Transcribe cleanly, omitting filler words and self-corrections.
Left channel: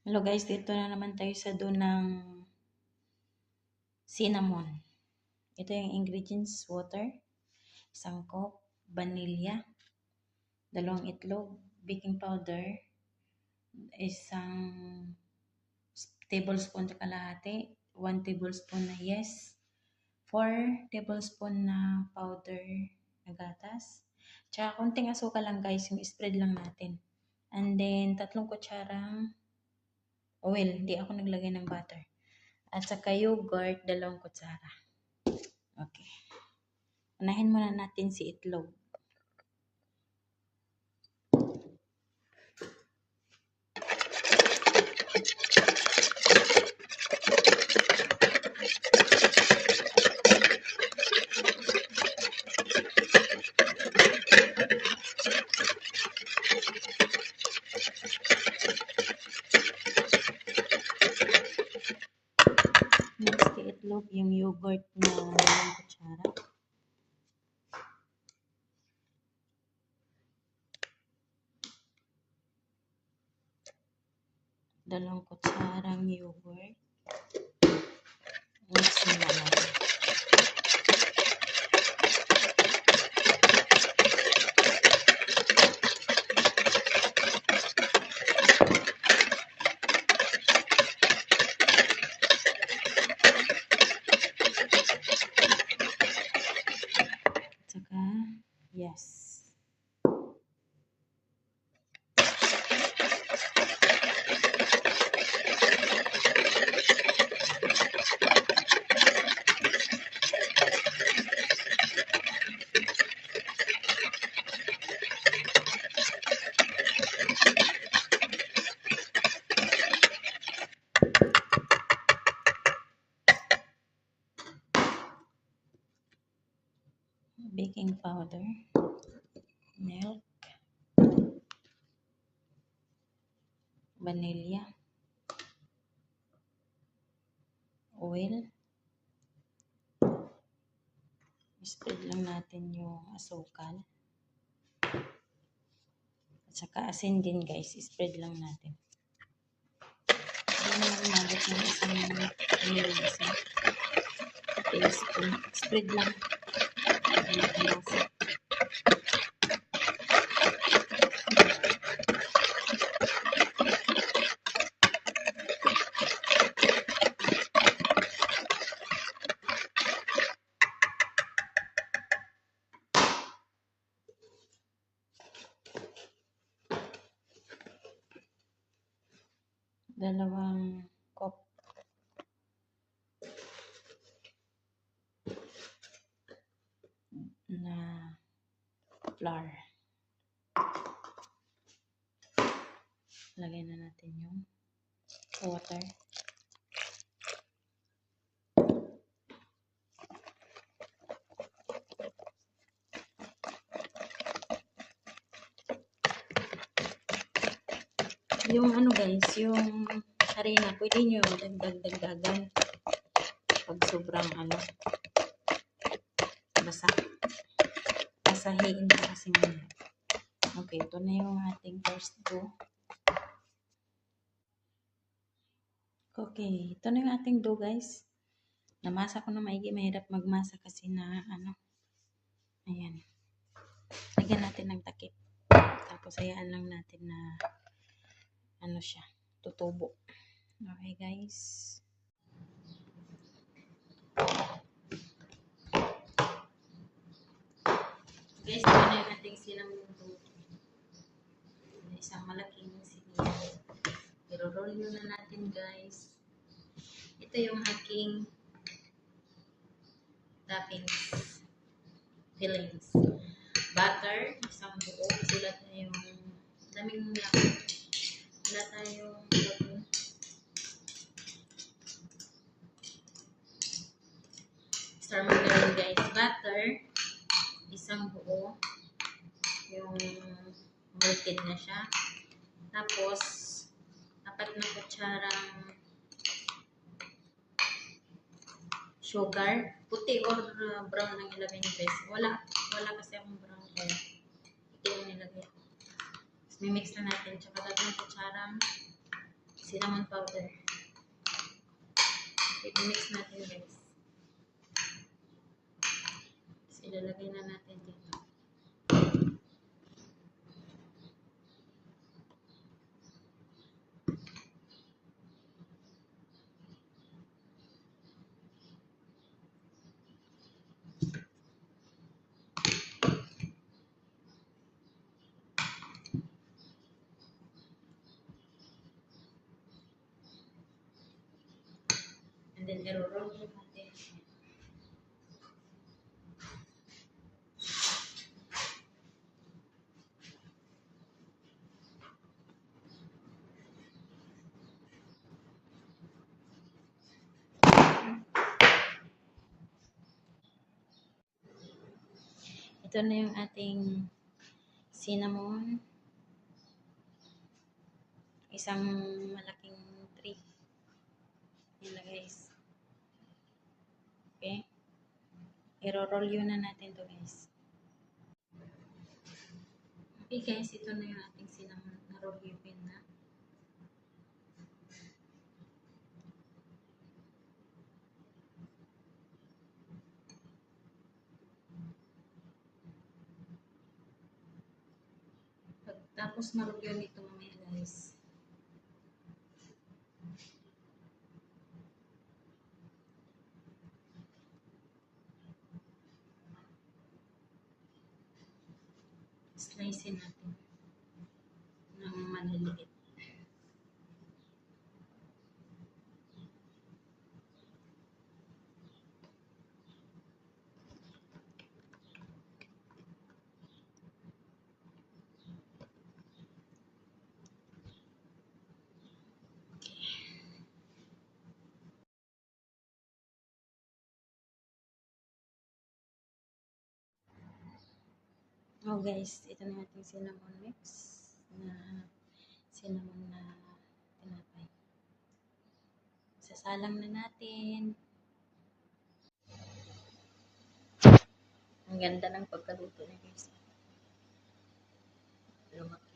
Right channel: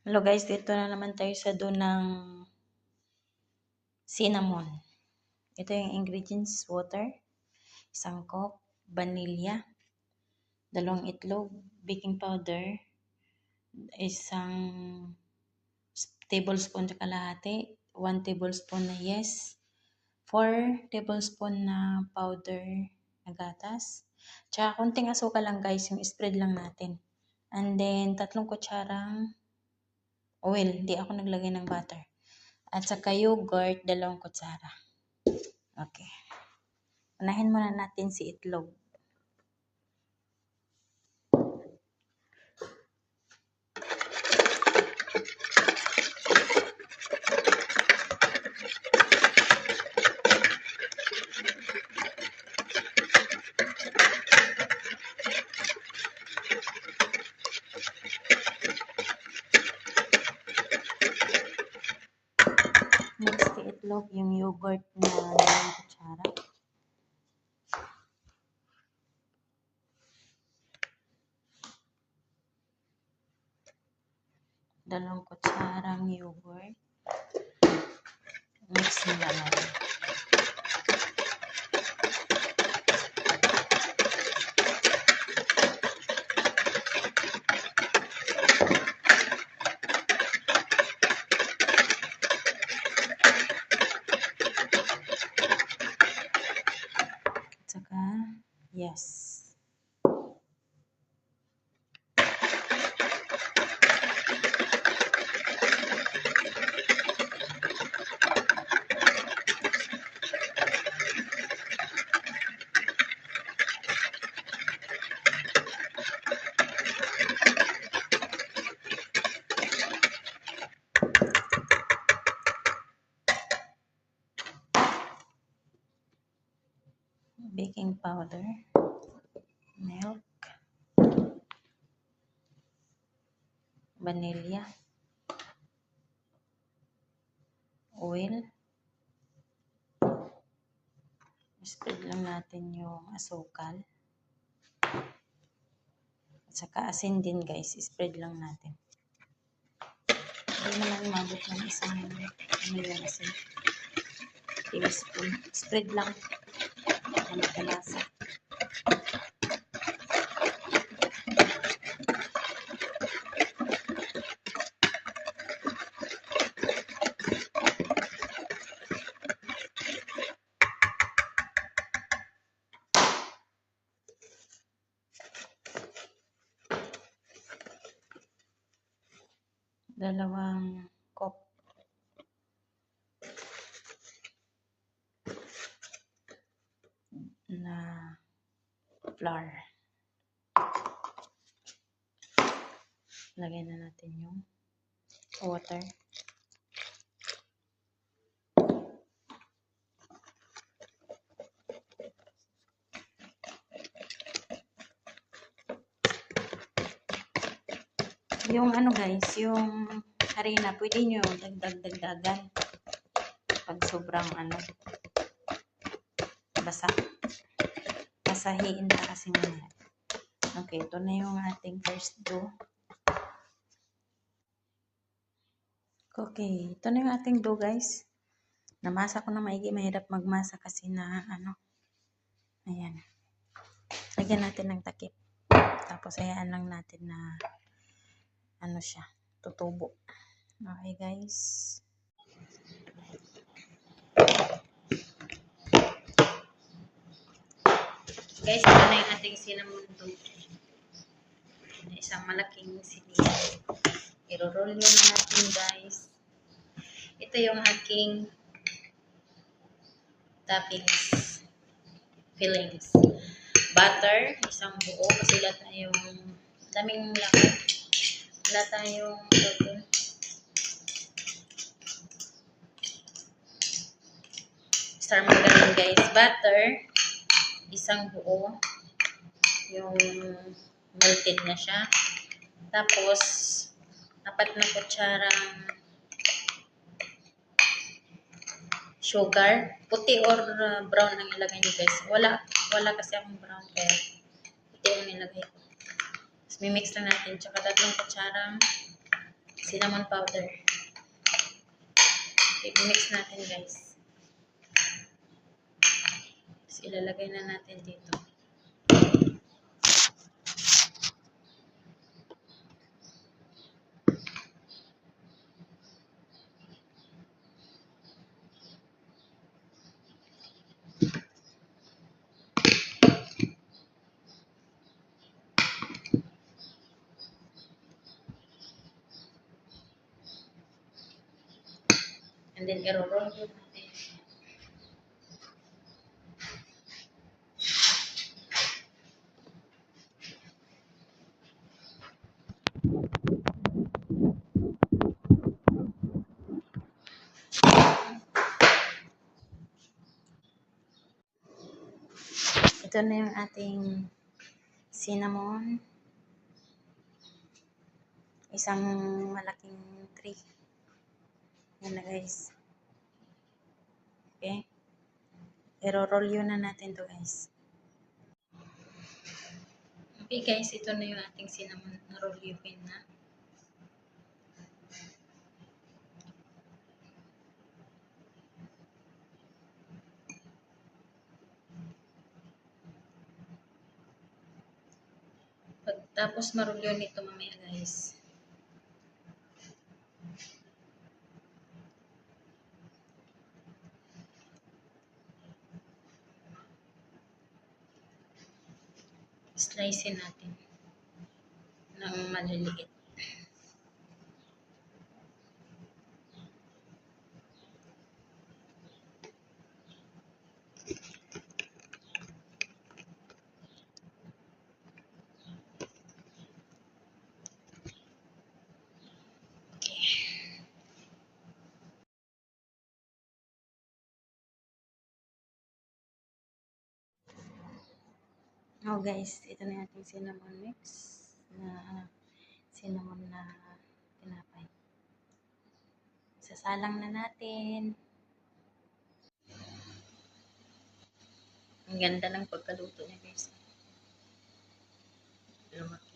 Hello guys, dito na naman tayo sa doon ng cinnamon. Ito yung ingredients: water, isang cup, vanilla, 2 itlog, baking powder, isang tablespoon na kalahati, 1 tablespoon na yes, 4 tablespoon na powder na gatas, tsaka konting asukal lang guys, yung spread lang natin. And then 3 kutsarang oil, di ako naglagay ng butter. At saka yogurt, 2 kutsara. Okay. Unahin muna natin si itlog. Next si itlog, yung yogurt na 2 kutsara. Dalawang kutsarang yogurt. Mix nila natin. At saka, yes. Baking powder, milk, vanilla, oil. Spread lang natin yung asukal. At saka asin din guys, spread lang natin. Hindi naman umabot ng isang asin. Tablespoon. Spread lang. Para magkalasa. Dalawang cup na flour. Lagay na natin yung water. Yung ano guys, yung harina, pwede nyo dagdagan pag sobrang basa. Basahin pa kasi muna. Okay, ito na yung ating first dough. Okay, ito na yung ating dough guys. Namasa ko na maigi, mahirap magmasa kasi na ayan. Lagyan natin ng takip. Tapos hayaan lang natin na siya, tutubo. Okay guys. Guys, ito na yung ating cinnamon dough. Isang malaking sinigang. I-roll yun na natin guys. Ito yung aking toppings, fillings. Butter, isang buo kasi lahat na yung daming lakas. Wala tayong protein. Star margarine guys. Butter, isang buo. Yung melted na siya. Tapos, 4 na kutsarang sugar. Puti or brown ang ilagay nyo guys. Wala kasi akong brown kaya puti ang nilagay ko. Tapos, mimix na natin. Tsaka 3 kutsarang cinnamon powder. I-mix natin guys. Tapos ilalagay na natin dito. And then i-roll natin. Ito na yung ating cinnamon. Isang malaking tree. Yan na guys. Okay. I-roll yun na natin to guys. Okay guys, ito na yung ating cinnamon na roll yun na. Tapos marol yun ito mamaya guys. Slicein natin ng maliliit. Oh guys, ito na yung ating cinnamon mix na cinnamon na tinapay. Sasalang na natin. Ang ganda ng pagkaluto niya guys. Lumaki.